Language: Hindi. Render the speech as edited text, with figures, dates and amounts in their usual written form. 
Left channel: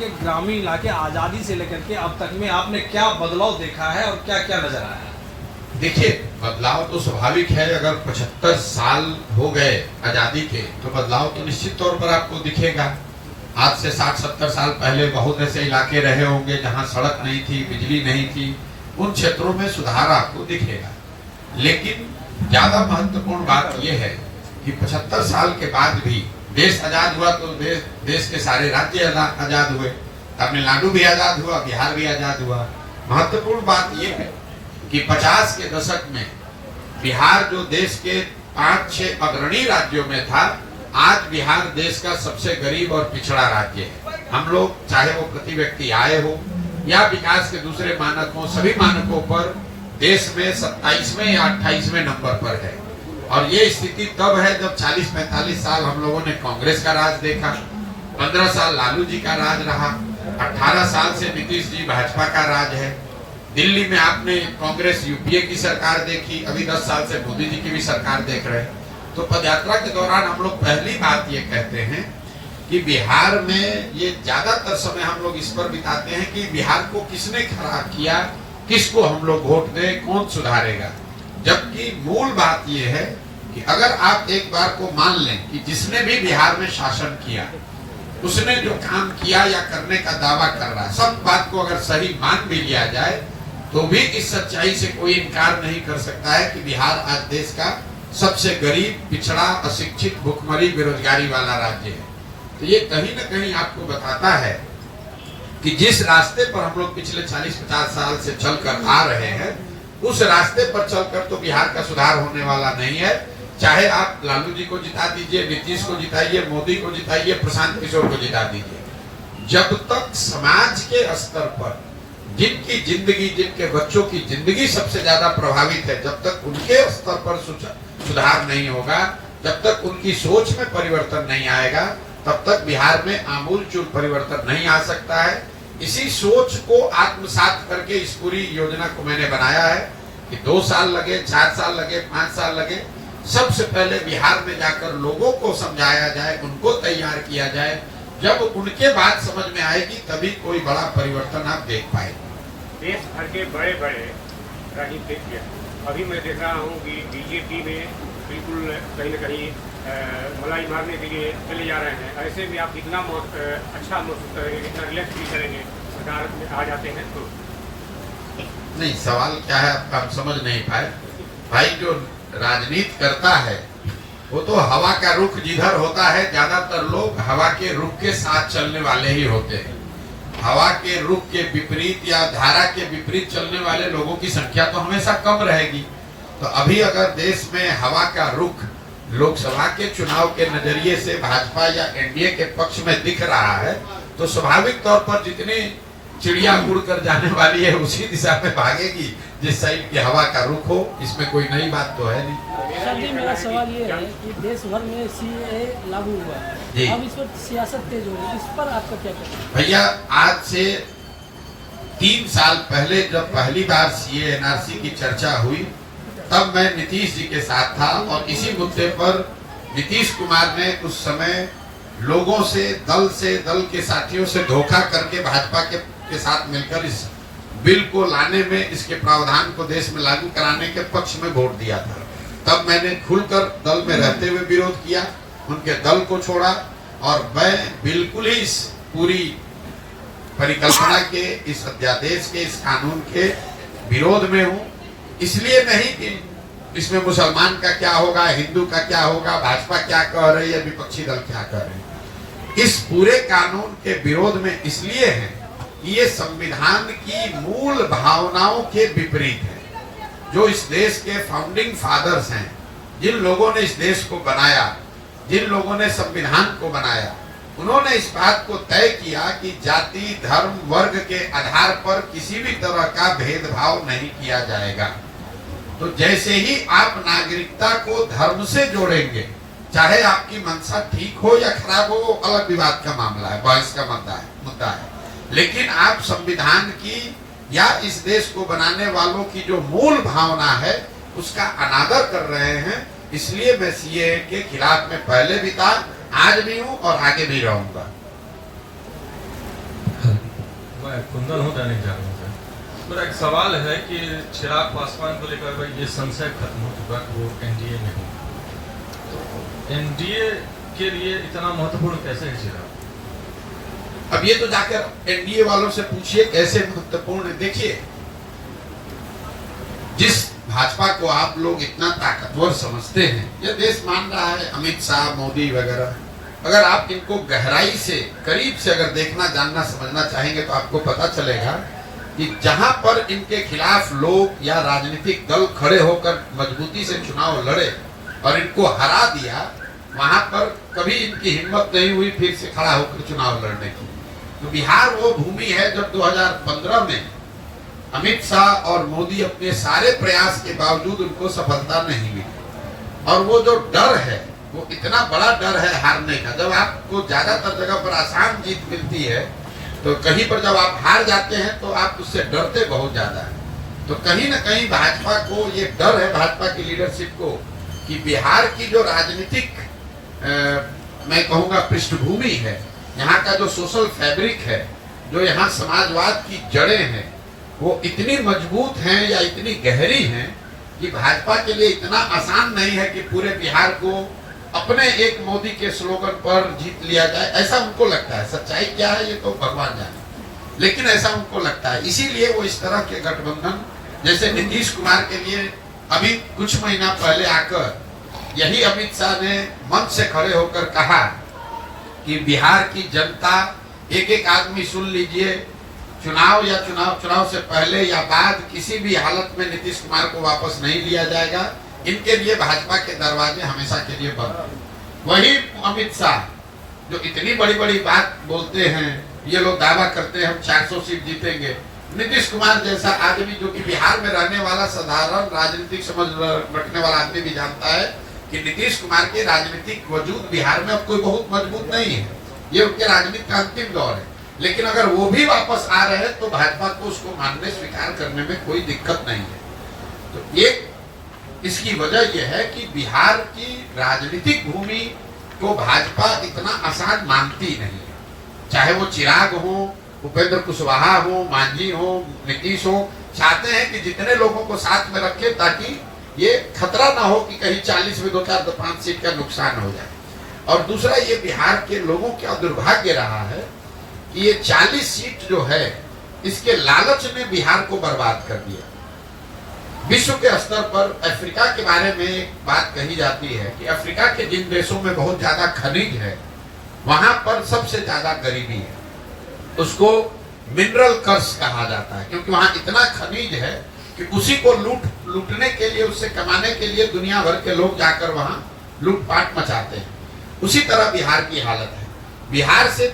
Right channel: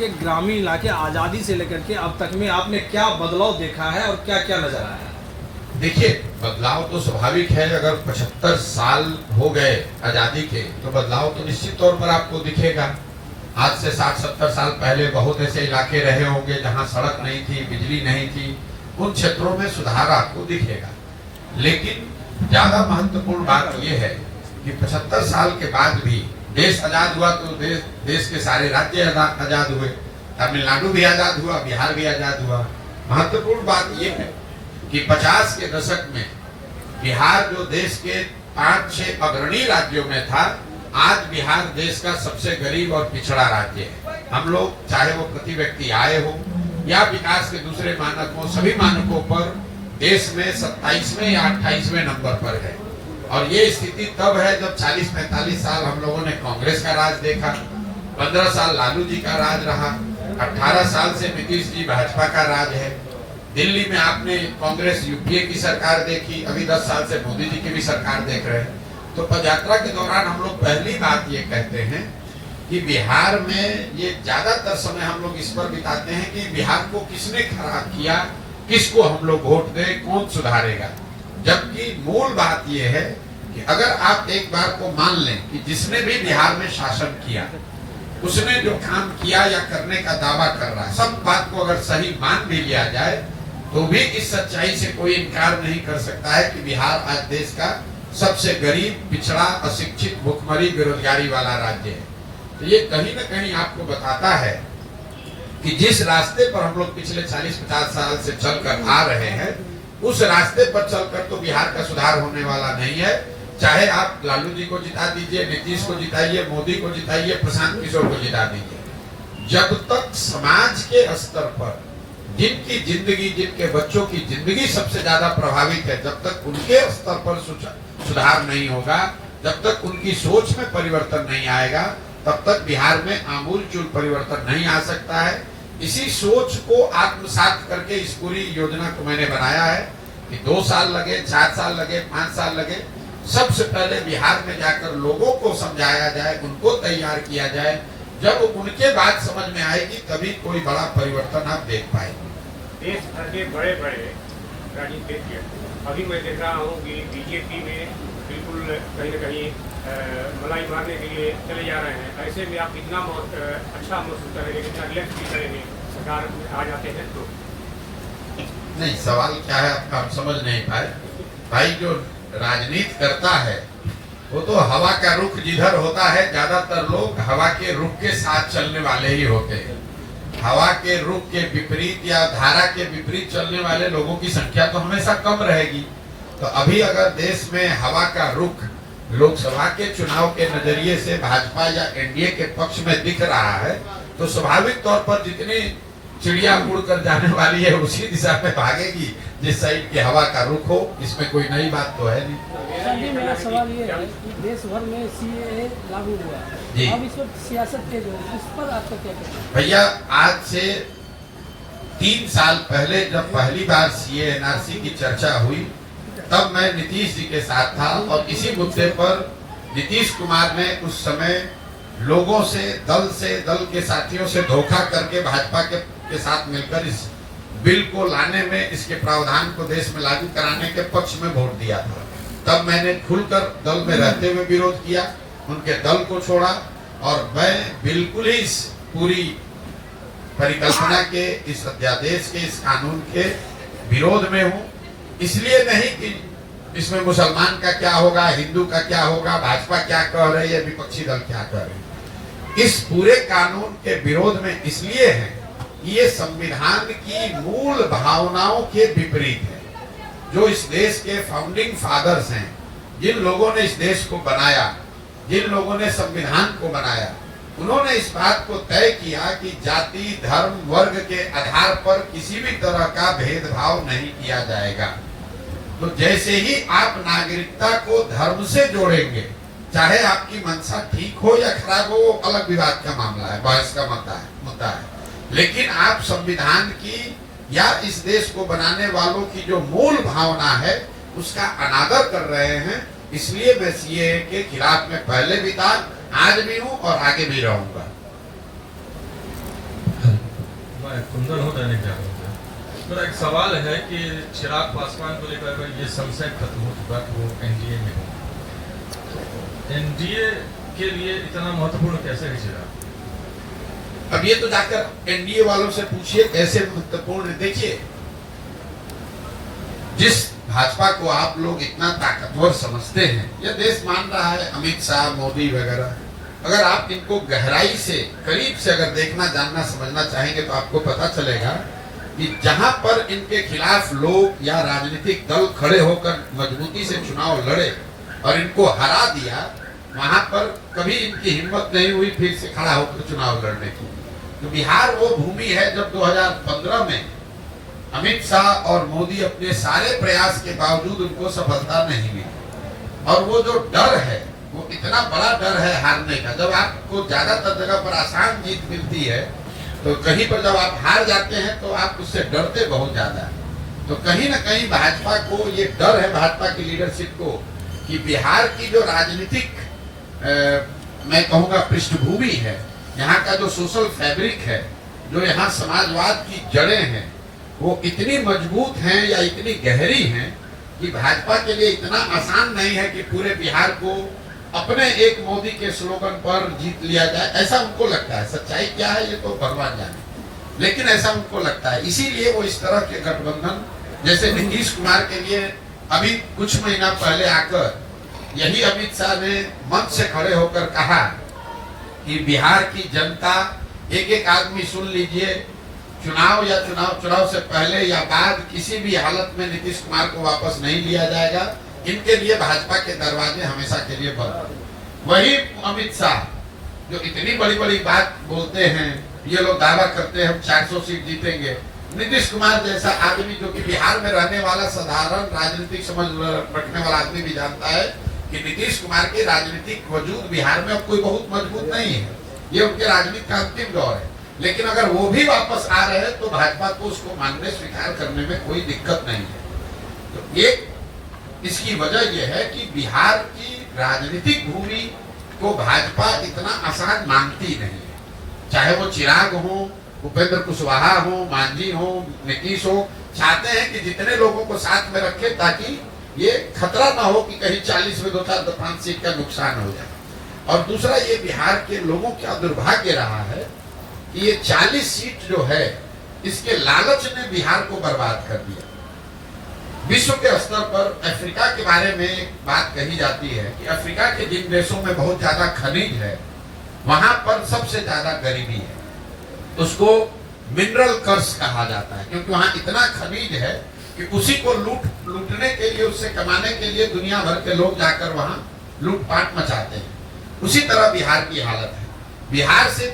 कि ग्रामीण इलाके आज़ादी से लेकर के अब तक में आपने क्या बदलाव देखा है और क्या क्या नजर आया है? देखिए, बदलाव तो स्वाभाविक है। अगर 75 साल हो गए आजादी के तो बदलाव तो निश्चित तौर पर आपको दिखेगा। आज से 60-70 साल पहले बहुत ऐसे इलाके रहे होंगे जहां सड़क नहीं थी, बिजली नहीं थी। उन क्षेत्रों में सुधार आपको दिखेगा। लेकिन ज्यादा महत्वपूर्ण बात यह है कि 75 साल के बाद भी देश आजाद हुआ तो देश के सारे राज्य आजाद हुए। तमिलनाडु भी आजाद हुआ, बिहार भी आजाद हुआ। महत्वपूर्ण बात यह है कि 50 के दशक में बिहार जो देश के 5-6 अग्रणी राज्यों में था, आज बिहार देश का सबसे गरीब और पिछड़ा राज्य है। हम लोग चाहे वो प्रति व्यक्ति आय हो या विकास के दूसरे मानक हो, सभी मानकों पर देश में 27वें या 28वें नंबर पर है। और ये स्थिति तब है जब 40-45 साल हम लोगों ने कांग्रेस का राज देखा, 15 साल लालू जी का राज रहा, 18 साल से नीतीश जी भाजपा का राज है। दिल्ली में आपने कांग्रेस यूपीए की सरकार देखी, अभी 10 साल से मोदी जी की भी सरकार देख रहे हैं। तो पदयात्रा के दौरान हम लोग पहली बात ये कहते हैं कि बिहार में ये ज्यादातर समय हम लोग इस पर बिताते हैं कि बिहार को किसने खराब किया, किसको हम लोग वोट दें, कौन सुधारेगा। जबकि मूल बात यह है कि अगर आप एक बार को मान लें कि जिसने भी बिहार में शासन किया, उसने जो काम किया या करने का दावा कर रहा है, सब बात को अगर सही मान भी लिया जाए तो भी इस सच्चाई से कोई इनकार नहीं कर सकता है कि बिहार आज देश का सबसे गरीब, पिछड़ा, अशिक्षित, भुखमरी, बेरोजगारी वाला राज्य है। तो ये कहीं ना कहीं आपको बताता है कि जिस रास्ते पर हम लोग पिछले 40-50 साल से चलकर आ रहे हैं, उस रास्ते पर चलकर तो बिहार का सुधार होने वाला नहीं है। चाहे आप लालू जी को जिता दीजिए, नीतीश को जिताइए, मोदी को जिताइए, प्रशांत किशोर को जिता दीजिए, जब तक समाज के स्तर पर जिनकी जिंदगी, जिनके बच्चों की जिंदगी सबसे ज्यादा प्रभावित है, जब तक उनके स्तर पर सुधार नहीं होगा, जब तक उनकी सोच में परिवर्तन नहीं आएगा, तब तक बिहार में आमूलचूल परिवर्तन नहीं आ सकता है। इसी सोच को आत्मसात करके इस पूरी योजना को मैंने बनाया है कि 2 साल लगे, 4 साल लगे, 5 साल लगे, सबसे पहले बिहार में जाकर लोगों को समझाया जाए, उनको तैयार किया जाए। जब उनके बात समझ में आएगी तभी कोई बड़ा परिवर्तन आप देख पाएंगे। देश भर के बड़े बड़े राजनीतिज्ञ अभी मैं देख रहा हूँ कि बीजेपी में बिल्कुल कहीं न कहीं मलाई मारने के लिए चले जा रहे हैं। ऐसे में आप कितना अच्छा महसूस करेंगे, कितना रिलैक्स फील करेंगे सरकार में आ जाते हैं तो? नहीं, सवाल क्या है आपका हम समझ नहीं पाए। भाई, जो राजनीति करता है वो तो हवा का रुख जिधर होता है, ज्यादातर लोग हवा के रुख के साथ चलने वाले ही होते हैं। हवा के रुख के विपरीत या धारा के विपरीत चलने वाले लोगों की संख्या तो हमेशा कम रहेगी। तो अभी अगर देश में हवा का रुख लोकसभा के चुनाव के नजरिए से भाजपा या एनडीए के पक्ष में दिख रहा है, तो स्वाभाविक तौर पर जितनी चिड़िया उड़ कर जाने वाली है उसी दिशा में भागेगी जिस साइड की हवा का रुख हो। इसमें कोई नई बात तो है नहीं। मेरा सवाल ये है कि देश भर में सीएए लागू हुआ जी, अब इस पर सियासत तेज हो गई, इस पर आपका क्या कहना है? भैया, आज से 3 साल पहले जब पहली बार सीए एनआरसी की चर्चा हुई, तब मैं नीतीश जी के साथ था और इसी मुद्दे पर नीतीश कुमार ने उस समय लोगों से, दल के साथियों से धोखा करके भाजपा के साथ मिलकर इस बिल को लाने में, इसके प्रावधान को देश में लागू कराने के पक्ष में वोट दिया था। तब मैंने खुलकर दल में रहते हुए विरोध किया, उनके दल को छोड़ा और मैं बिल्कुल ही इस पूरी परिकल्पना के, इस अध्यादेश के, इस कानून के विरोध में हूँ। इसलिए नहीं कि इसमें मुसलमान का क्या होगा, हिंदू का क्या होगा, भाजपा क्या कह रही है, विपक्षी दल क्या कह रहे हैं। इस पूरे कानून के विरोध में इसलिए है कि ये संविधान की मूल भावनाओं के विपरीत है। जो इस देश के फाउंडिंग फादर्स हैं, जिन लोगों ने इस देश को बनाया, जिन लोगों ने संविधान को बनाया, उन्होंने इस बात को तय किया कि जाति, धर्म, वर्ग के आधार पर किसी भी तरह का भेदभाव नहीं किया जाएगा। तो जैसे ही आप नागरिकता को धर्म से जोड़ेंगे, चाहे आपकी मंशा ठीक हो या खराब हो, अलग विवाद का मामला है, बहस का मुद्दा है, लेकिन आप संविधान की या इस देश को बनाने वालों की जो मूल भावना है उसका अनादर कर रहे हैं। इसलिए मैं सीएए के खिलाफ में पहले भी था, आज भी हूं और आगे भी रहूंगा। मैं कुंदन हूँ, दैनिक जागरण से। मेरा एक सवाल है कि चिराग पासवान को लेकर भाई ये संशय खत्म हो चुका कि वो एनडीए में हो, एनडीए के लिए इतना महत्वपूर्ण कैसे है चिराग? अब ये तो जाकर एनडीए वालों से पूछिए कैसे महत्वपूर्ण। देखिए, जिस भाजपा को आप लोग इतना ताकतवर समझते हैं, ये देश मान रहा है, अमित शाह, मोदी वगैरह, अगर आप इनको गहराई से, करीब से अगर देखना, जानना, समझना चाहेंगे तो आपको पता चलेगा कि जहां पर इनके खिलाफ लोग या राजनीतिक दल खड़े होकर मजबूती से चुनाव लड़े और इनको हरा दिया, वहां पर कभी इनकी हिम्मत नहीं हुई फिर से खड़ा होकर चुनाव लड़ने की। तो बिहार वो भूमि है जब 2015 में अमित शाह और मोदी अपने सारे प्रयास के बावजूद उनको सफलता नहीं मिली, और वो जो डर है, वो इतना बड़ा डर है हारने का। जब आपको ज्यादातर जगह पर आसान जीत मिलती है, तो कहीं पर जब आप हार जाते हैं तो आप उससे डरते बहुत ज्यादा है। तो कहीं ना कहीं भाजपा को ये डर है, भाजपा की लीडरशिप को, कि बिहार की जो राजनीतिक मैं कहूँगा पृष्ठभूमि है, यहाँ का जो सोशल फैब्रिक है, जो यहाँ समाजवाद की जड़ें हैं, वो इतनी मजबूत हैं या इतनी गहरी हैं कि भाजपा के लिए इतना आसान नहीं है कि पूरे बिहार को अपने एक मोदी के स्लोगन पर जीत लिया जाए। ऐसा उनको लगता है। सच्चाई क्या है ये तो भगवान जाने, लेकिन ऐसा उनको लगता है। इसीलिए वो इस तरह के गठबंधन, जैसे नीतीश कुमार के लिए अभी कुछ महीना पहले आकर यही अमित शाह ने मंच से खड़े होकर कहा कि बिहार की जनता, एक एक आदमी सुन लीजिए, चुनाव या चुनाव से पहले या बाद किसी भी हालत में नीतीश कुमार को वापस नहीं लिया जाएगा। इनके लिए भाजपा के दरवाजे हमेशा के लिए बंद। वही अमित शाह जो इतनी बड़ी बड़ी बात बोलते हैं, ये लोग दावा करते हैं हम 400 सीट जीतेंगे। नीतीश कुमार जैसा आदमी जो कि बिहार में रहने वाला साधारण राजनीतिक समझ रखने वाला आदमी भी जानता है कि नीतीश कुमार के राजनीतिक वजूद बिहार में अब कोई बहुत मजबूत नहीं है। ये उनके राजनीति का अंतिम दौर है। लेकिन अगर वो भी वापस आ रहे हैं तो भाजपा को उसको मानने, स्वीकार करने में कोई दिक्कत नहीं है। तो ये इसकी वजह यह है कि बिहार की राजनीतिक भूमि को भाजपा इतना आसान मानती नहीं है। चाहे वो चिराग हो, उपेंद्र कुशवाहा हो, मांझी हो, नीतीश हो, चाहते हैं कि जितने लोगों को साथ में रखे ताकि ये खतरा ना हो कि कहीं 40 में 2-4-5 सीट का नुकसान हो जाए। और दूसरा, ये बिहार के लोगों का दुर्भाग्य रहा है कि ये 40 सीट जो है, इसके लालच ने बिहार को बर्बाद कर दिया। विश्व के स्तर पर अफ्रीका के बारे में एक बात कही जाती है कि अफ्रीका के जिन देशों में बहुत ज्यादा खनिज है, वहां पर सबसे ज्यादा गरीबी है। उसको मिनरल कर्स कहा जाता है, क्योंकि वहां इतना खनिज है कि उसी को लूटने के लिए, उससे कमाने के लिए दुनिया भर के लोग जाकर वहां लूटपाट मचाते हैं। उसी तरह बिहार की हालत है। बिहार से